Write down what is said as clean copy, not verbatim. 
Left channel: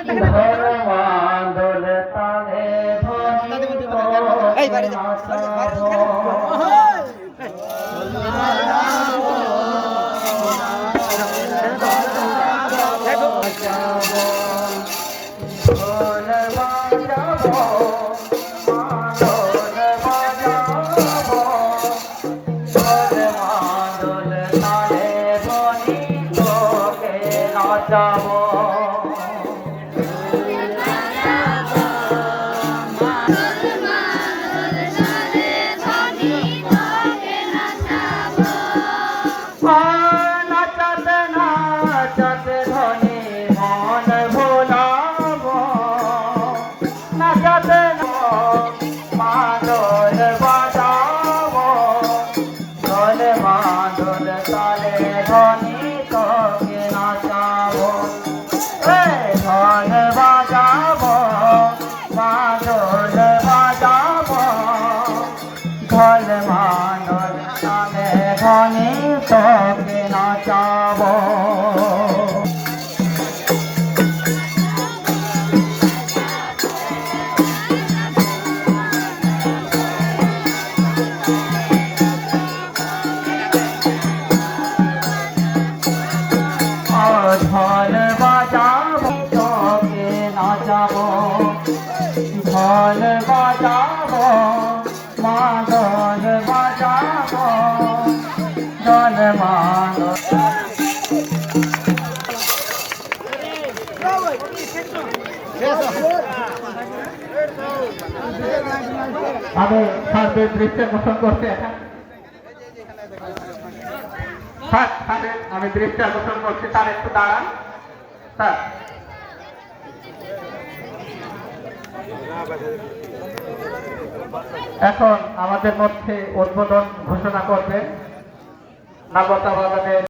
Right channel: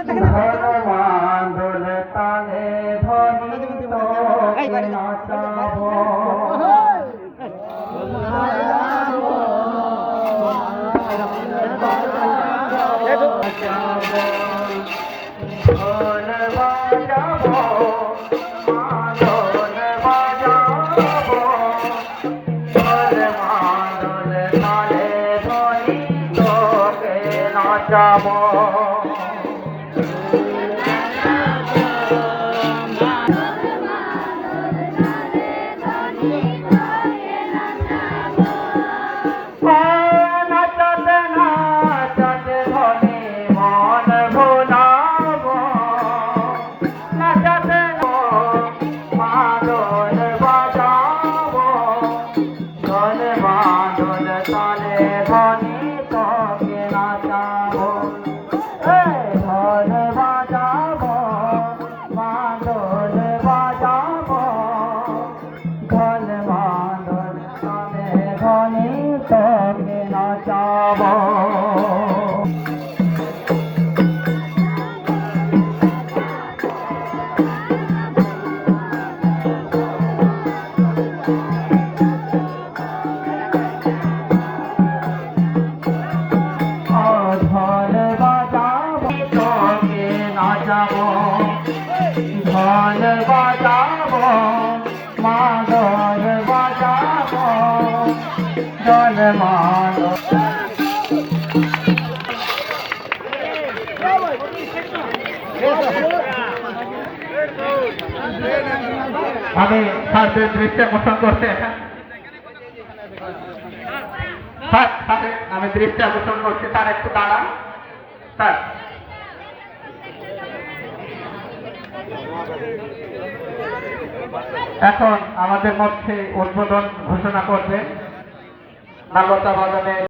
মাদল তালে ধনি নাচাবো ঢোল মাদল তালে ধনি তোকে নাচাবো ঢোল বাজাবো তোকে নাচাবো ঢোল বাজাবো মাদল বাজাবো ঢোল মাদল আমি স্যারদের দৃষ্টি আকর্ষণ করছি আমি দৃষ্টি আকর্ষণ করছি তার একটু দাঁড়ান স্যার এখন আমাদের মধ্যে উদ্বোধন ঘোষণা করবেন নাগরতা বাজানের